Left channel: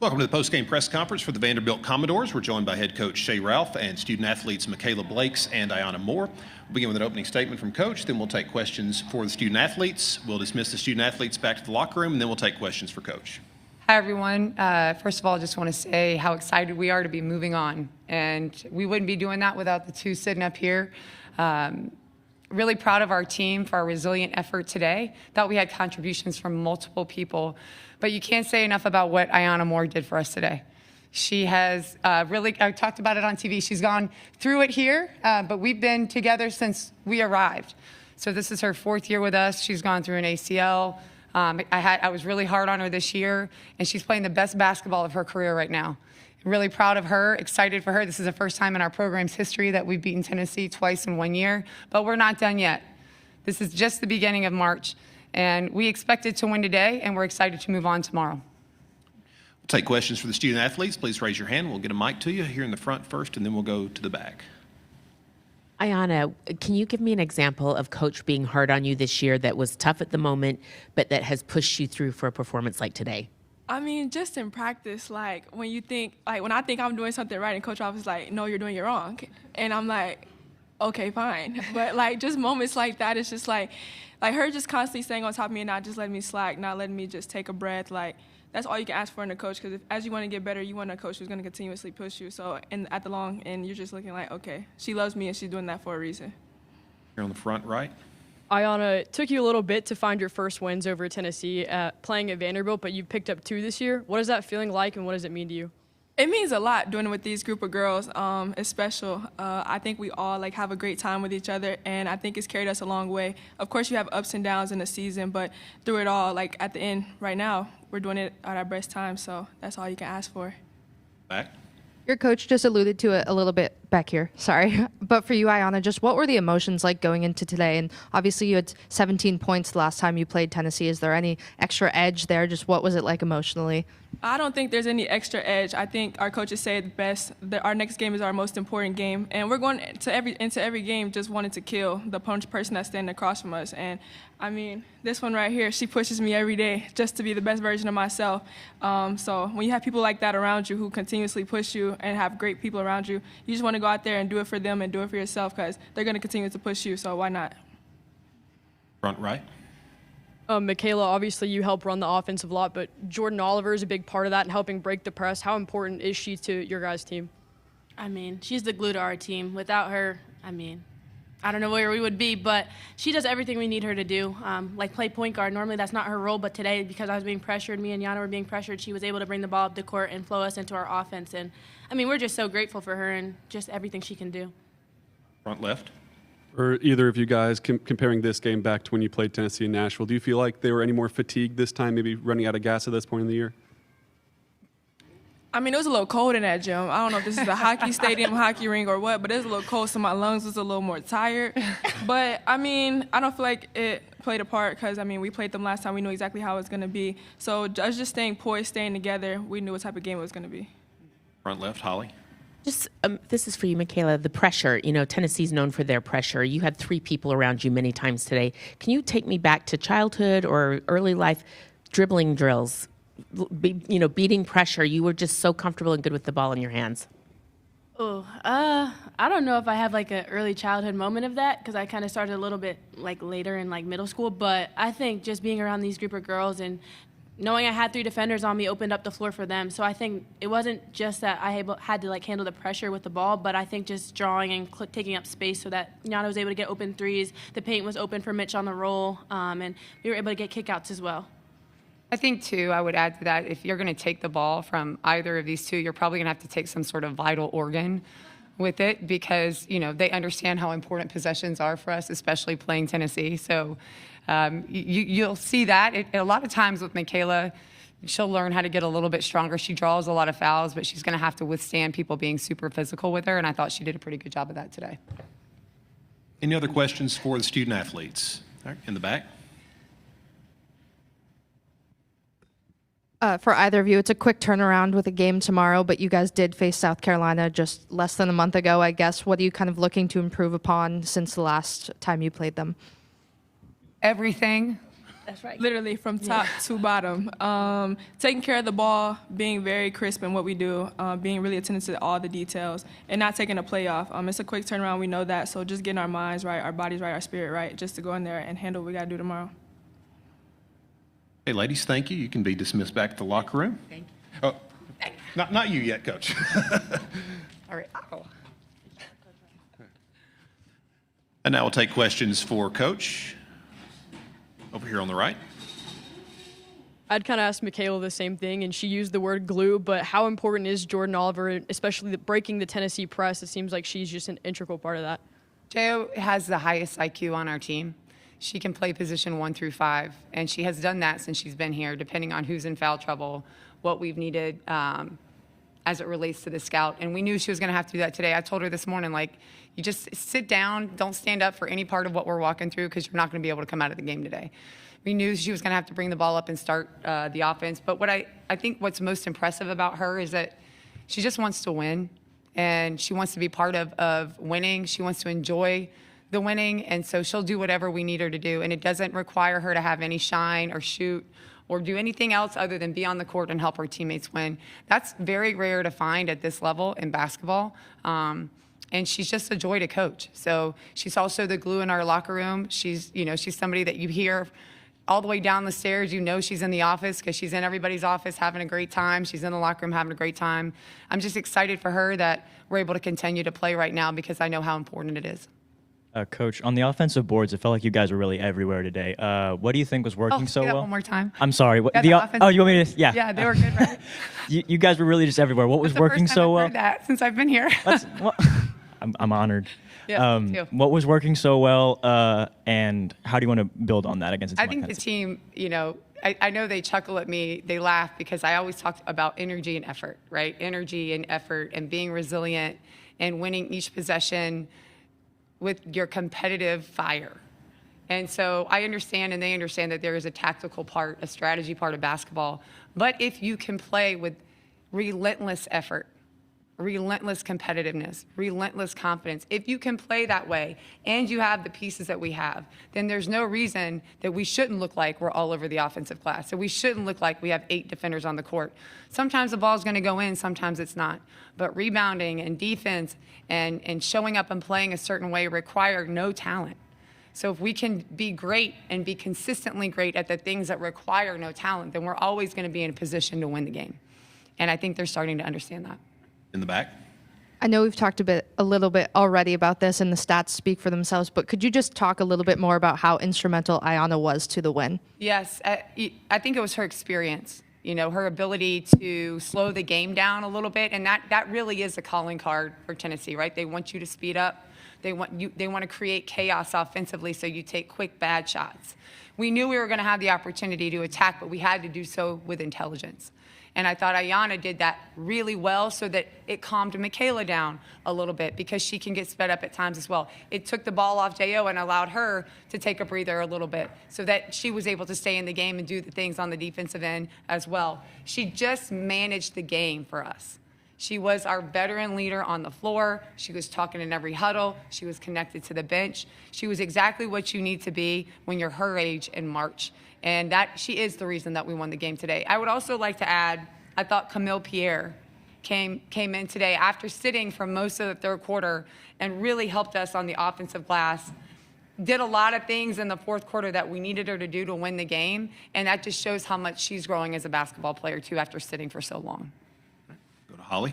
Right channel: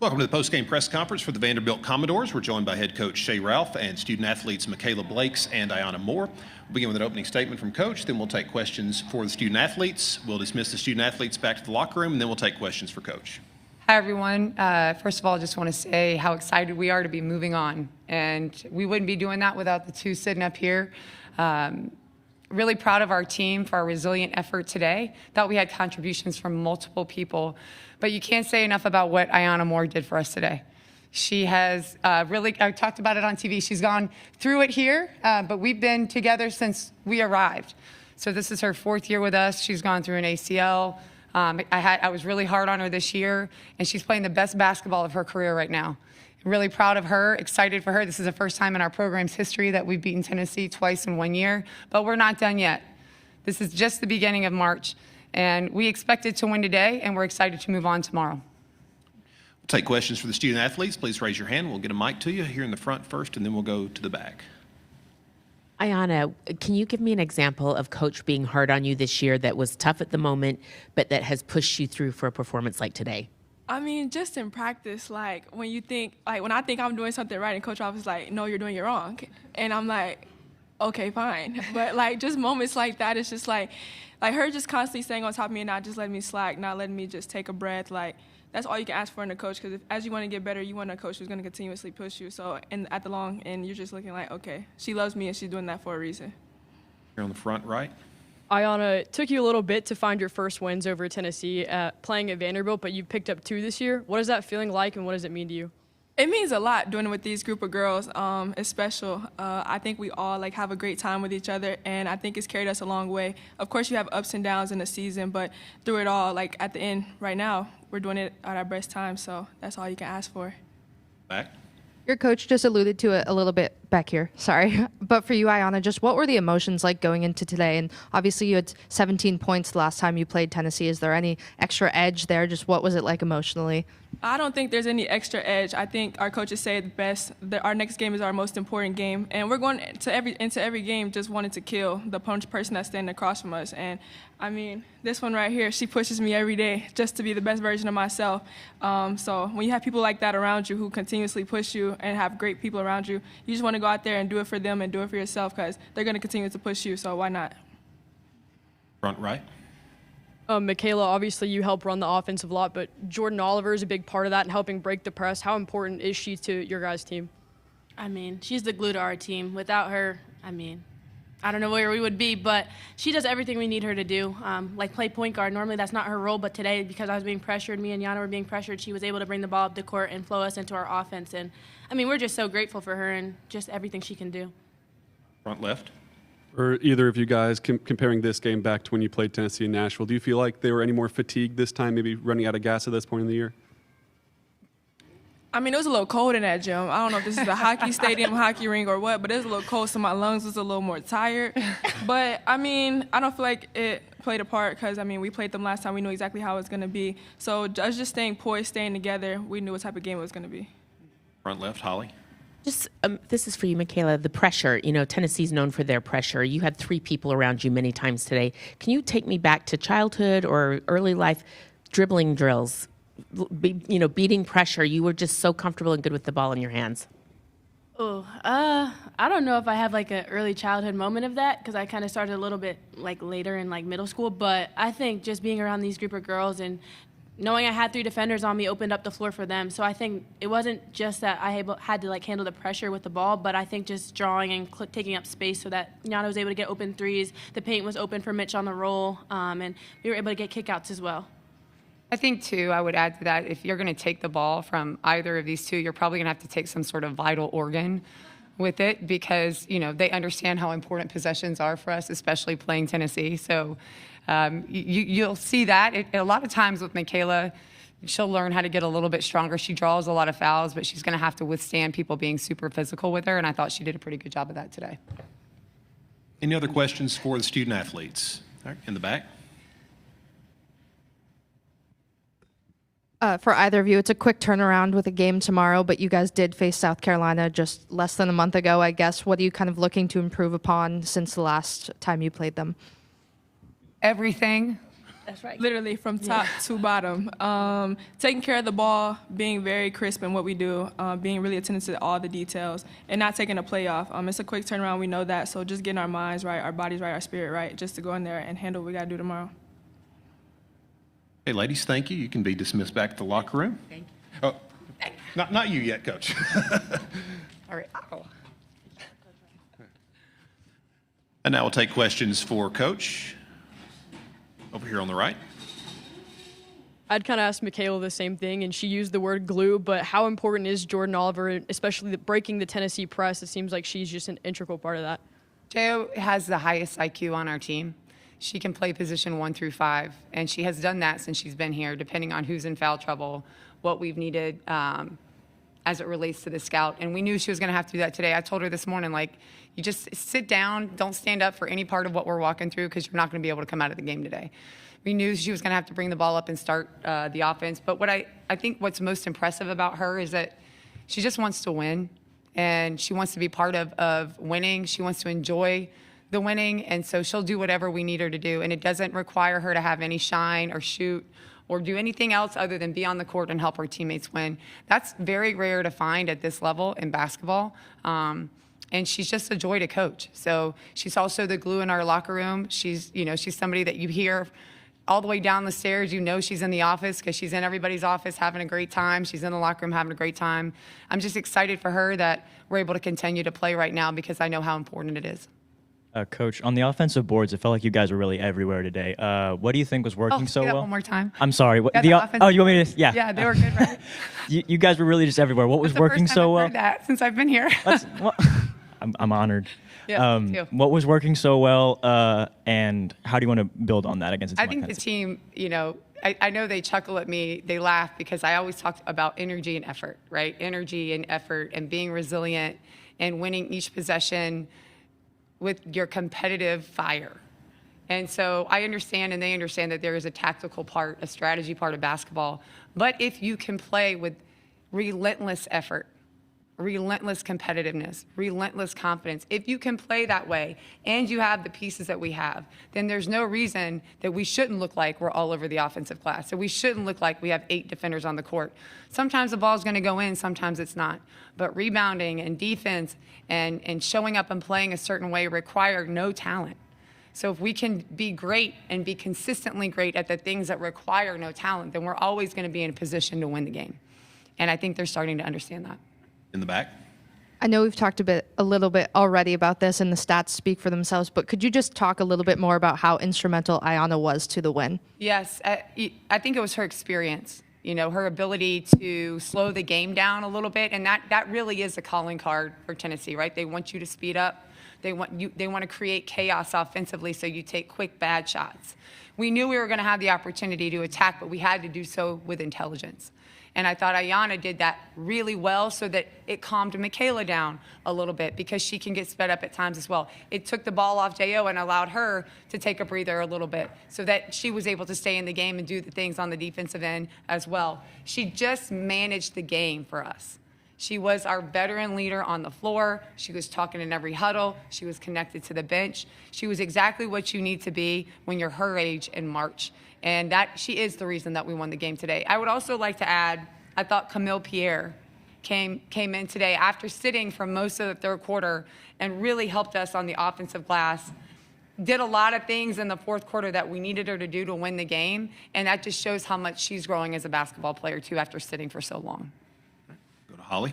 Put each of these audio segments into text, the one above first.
Welcome to the post-game press conference for the Vanderbilt Commodores. We're joined by head coach Shea Ralph and student athletes Mikayla Blakes and Iyana Moore. We'll begin with an opening statement from coach, then we'll take questions for the student athletes. We'll dismiss the student athletes back to the locker room, and then we'll take questions for coach. Hi, everyone. First of all, I just want to say how excited we are to be moving on. And we wouldn't be doing that without the two sitting up here. Really proud of our team for our resilient effort today. Thought we had contributions from multiple people. But you can't say enough about what Iyana Moore did for us today. She has I talked about it on TV. She's gone through it here, but we've been together since we arrived. So this is her fourth year with us. She's gone through an ACL. I was really hard on her this year, and she's playing the best basketball of her career right now. Really proud of her, excited for her. This is the first time in our program's history that we've beaten Tennessee twice in 1 year, but we're not done yet. This is just the beginning of March, and we expected to win today, and we're excited to move on tomorrow. We'll take questions for the student athletes. Please raise your hand. We'll get a mic to you here in the front first, and then we'll go to the back. Iyana, can you give me an example of coach being hard on you this year that was tough at the moment, but that has pushed you through for a performance like today? I mean, just in practice, like when I think I'm doing something right and Coach Ralph is like, no, you're doing it wrong. And I'm like, okay, fine. But like just moments like that, it's just like her just constantly staying on top of me and not just letting me slack, not letting me just take a breath. Like that's all you can ask for in a coach, because as you want to get better, you want a coach who's going to continuously push you. So and at the long end, you're just looking like, okay, she loves me and she's doing that for a reason. Here on the front right. Iyana, it took you a little bit to find your first wins over Tennessee playing at Vanderbilt, but you've picked up 2 this year. What is that feeling like, and what does it mean to you? It means a lot doing it with these group of girls. It's special. I think we all have a great time with each other, and I think it's carried us a long way. Of course, you have ups and downs in the season, but through it all, at the end, right now, we're doing it at our best time, so that's all you can ask for. Back. Your coach just alluded to it a little bit back here, sorry. But for you, Iyana, just what were the emotions like going into today? And obviously you had 17 points the last time you played Tennessee. Is there any extra edge there? Just what was it like emotionally? I don't think there's any extra edge. I think our coaches say it best, that our next game is our most important game. And we're going into every game just wanting to kill the person that's standing across from us. And, I mean, this one right here, she pushes me every day just to be the best version of myself. So when you have people like that around you who continuously push you and have great people around you, you just want to go out there and do it for them and do it for yourself, because they're going to continue to push you, so why not? Front right. Mikayla, obviously you help run the offensive lot, but Jordan Oliver is a big part of that and helping break the press. How important is she to your guys' team? I mean, she's the glue to our team. Without her, I mean, I don't know where we would be, but she does everything we need her to do. Like play point guard. Normally that's not her role, but today, because I was being pressured, me and Iyana were being pressured, she was able to bring the ball up the court and flow us into our offense. And, I mean, we're just so grateful for her and just everything she can do. Front left. Or either of you guys, comparing this game back to when you played Tennessee in Nashville, do you feel like they were any more fatigued this time, maybe running out of gas at this point in the year? I mean, it was a little cold in that gym. I don't know if this is a hockey stadium, hockey rink, or what, but it was a little cold, so my lungs was a little more tired. But, I mean, I don't feel like it played a part because, I mean, we played them last time. We knew exactly how it was going to be. So us just staying poised, staying together, we knew what type of game it was going to be. Front left, Holly. Just this is for you, Mikayla. The pressure, Tennessee's known for their pressure. You had 3 people around you many times today. Can you take me back to childhood or early life dribbling drills, beating pressure? You were just so comfortable and good with the ball in your hands. Oh, I don't know if I have an early childhood moment of that, because I kind of started a little bit later in middle school, but I think just being around these group of girls and knowing I had 3 defenders on me opened up the floor for them. So I think it wasn't just that I had to handle the pressure with the ball, but I think just drawing and taking up space so that Iyana was able to get open threes. The paint was open for Mitch on the roll, and we were able to get kickouts as well. I think, too, I would add to that, if you're going to take the ball from either of these two, you're probably going to have to take some sort of vital organ with it, because, they understand how important possessions are for us, especially playing Tennessee. So you'll see that. A lot of times with Mikayla, she'll learn how to get a little bit stronger. She draws a lot of fouls, but she's going to have to withstand people being super physical with her, and I thought she did a pretty good job of that today. Any other questions for the student athletes? All right, in the back. For either of you, it's a quick turnaround with a game tomorrow, but you guys did face South Carolina just less than a month ago, I guess. What are you kind of looking to improve upon since the last time you played them? Everything. That's right. Literally from top to bottom. Taking care of the ball, being very crisp in what we do, being really attentive to all the details, and not taking a play off. It's a quick turnaround, we know that, so just getting our minds right, our bodies right, our spirit right, just to go in there and handle what we got to do tomorrow. Hey, ladies, thank you. You can be dismissed back to the locker room. Thank you. Oh, not you yet, Coach. All right. And now we'll take questions for Coach. Over here on the right. I'd kind of ask Mikayla the same thing, and she used the word glue, but how important is Jordan Oliver, especially breaking the Tennessee press? It seems like she's just an integral part of that. Jo has the highest IQ on our team. She can play position 1 through 5, and she has done that since she's been here, depending on who's in foul trouble, what we've needed as it relates to the scout. And we knew she was going to have to do that today. I told her this morning, like, you just sit down, don't stand up for any part of what we're walking through because you're not going to be able to come out of the game today. We knew she was going to have to bring the ball up and start the offense. But what I think what's most impressive about her is that she just wants to win, and she wants to be part of winning. She wants to enjoy the winning, and so she'll do whatever we need her to do. And it doesn't require her to have any shine or shoot or do anything else other than be on the court and help her teammates win. That's very rare to find at this level in basketball. And she's just a joy to coach. So she's also the glue in our locker room. She's somebody that you hear all the way down the stairs. You know she's in the office because she's in everybody's office having a great time. She's in the locker room having a great time. I'm just excited for her that we're able to continue to play right now because I know how important it is. Coach, on the offensive boards, it felt like you guys were really everywhere today. What do you think was working so say that well? one more time. I'm sorry. Yeah, the offensive- you want me to? Yeah. Yeah, they were good, right? You guys were really just everywhere. What was working That's the first so time well? I've heard that since I've been here. I'm honored. Yeah, me too. What was working so well, and how do you want to build on that against a team I think like the Tennessee? team, I know they chuckle at me, they laugh because I always talk about energy and effort, right? Energy and effort and being resilient and winning each possession with your competitive fire. And so I understand and they understand that there is a tactical part, a strategy part of basketball. But if you can play with relentless effort, relentless competitiveness, relentless confidence, if you can play that way and you have the pieces that we have, then there's no reason that we shouldn't look like we're all over the offensive glass. So we shouldn't look like we have 8 defenders on the court. Sometimes the ball's going to go in, sometimes it's not. But rebounding and defense and showing up and playing a certain way require no talent. So if we can be great and be consistently great at the things that require no talent, then we're always going to be in a position to win the game. And I think they're starting to understand that. In the back. I know we've talked a little bit already about this, and the stats speak for themselves, but could you just talk a little bit more about how instrumental Iyana was to the win? Yes, I think it was her experience, her ability to slow the game down a little bit, and that really is a calling card for Tennessee, right? They want you to speed up. They want to create chaos offensively so you take quick, bad shots. We knew we were going to have the opportunity to attack, but we had to do so with intelligence. And I thought Iyana did that really well so that it calmed Mikayla down a little bit because she can get sped up at times as well. It took the ball off Jo and allowed her to take a breather a little bit so that she was able to stay in the game and do the things on the defensive end as well. She just managed the game for us. She was our veteran leader on the floor. She was talking in every huddle. She was connected to the bench. She was exactly what you need to be when you're her age in March. And that she is the reason that we won the game today. I would also like to add, I thought Camille Pierre came in today after sitting for most of the third quarter and really helped us on the offensive glass. Did a lot of things in the fourth quarter that we needed her to do to win the game. And that just shows how much she's growing as a basketball player, too, after sitting for so long. Go to Holly.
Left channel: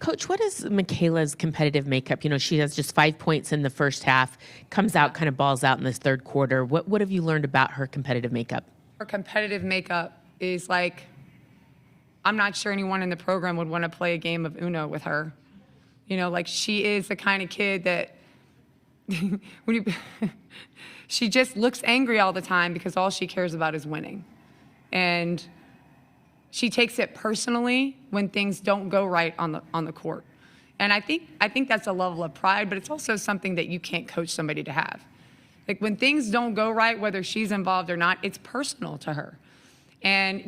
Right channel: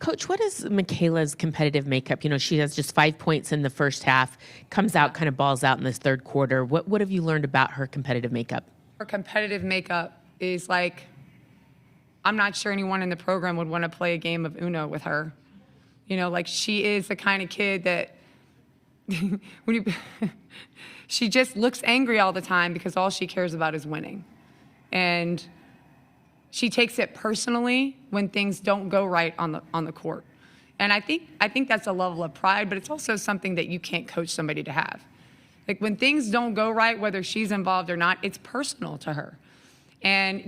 Coach, what is Mikayla's competitive makeup? She has just 5 points in the first half, comes out, kind of balls out in this third quarter. What have you learned about her competitive makeup? Her competitive makeup is like, I'm not sure anyone in the program would want to play a game of Uno with her. She is the kind of kid that she just looks angry all the time because all she cares about is winning. And she takes it personally when things don't go right on the court. And I think that's a level of pride, but it's also something that you can't coach somebody to have. Like when things don't go right, whether she's involved or not, it's personal to her. And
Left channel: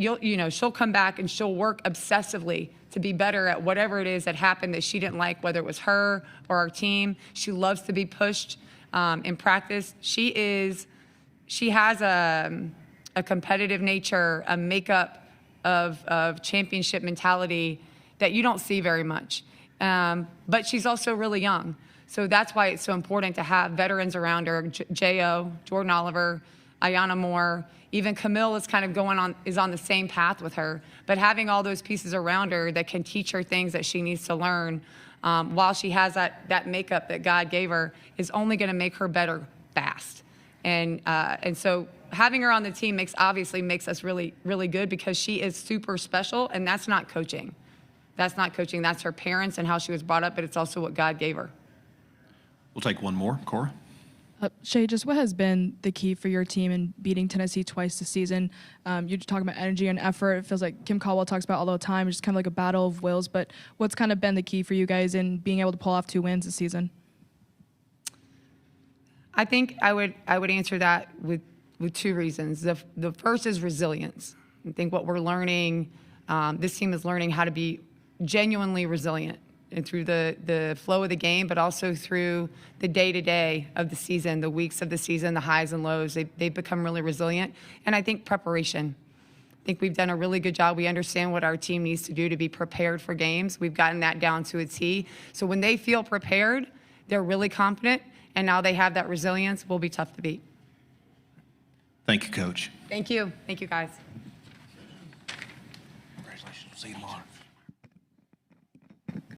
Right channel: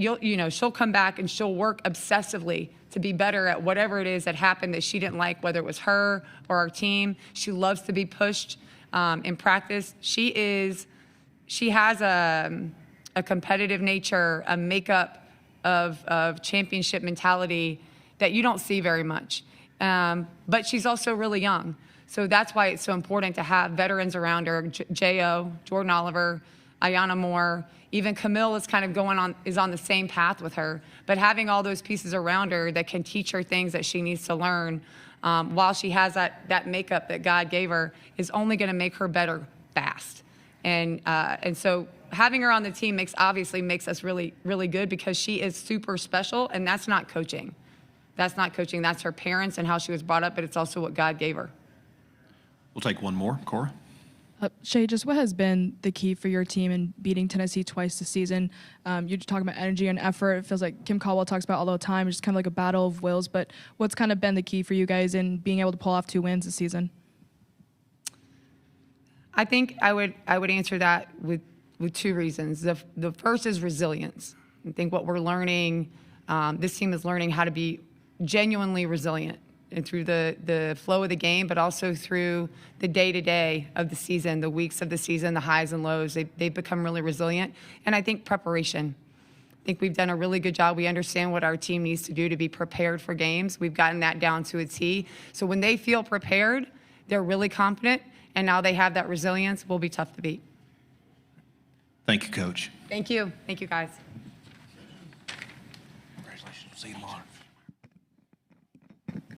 she'll come back and she'll work obsessively to be better at whatever it is that happened that she didn't like, whether it was her or our team. She loves to be pushed in practice. She has a competitive nature, a makeup of championship mentality that you don't see very much. But she's also really young. So that's why it's so important to have veterans around her. J.O., Jordan Oliver, Iyana Moore, even Camille is kind of is on the same path with her. But having all those pieces around her that can teach her things that she needs to learn while she has that makeup that God gave her is only going to make her better fast. And so having her on the team obviously makes us really, really good because she is super special, and that's not coaching. That's not coaching. That's her parents and how she was brought up, but it's also what God gave her. We'll take one more. Cora? Shea, just what has been the key for your team in beating Tennessee twice this season? You're talking about energy and effort. It feels like Kim Caldwell talks about all the time. It's just kind of like a battle of wills. But what's kind of been the key for you guys in being able to pull off 2 wins this season? I think I would answer that with 2 reasons. The first is resilience. I think what we're learning, this team is learning how to be genuinely resilient and through the flow of the game, but also through the day-to-day of the season, the weeks of the season, the highs and lows. They've become really resilient. And I think preparation. I think we've done a really good job. We understand what our team needs to do to be prepared for games. We've gotten that down to a T. So when they feel prepared, they're really confident, and now they have that resilience. Will be tough to beat. Thank you, Coach. Thank you. Thank you, guys.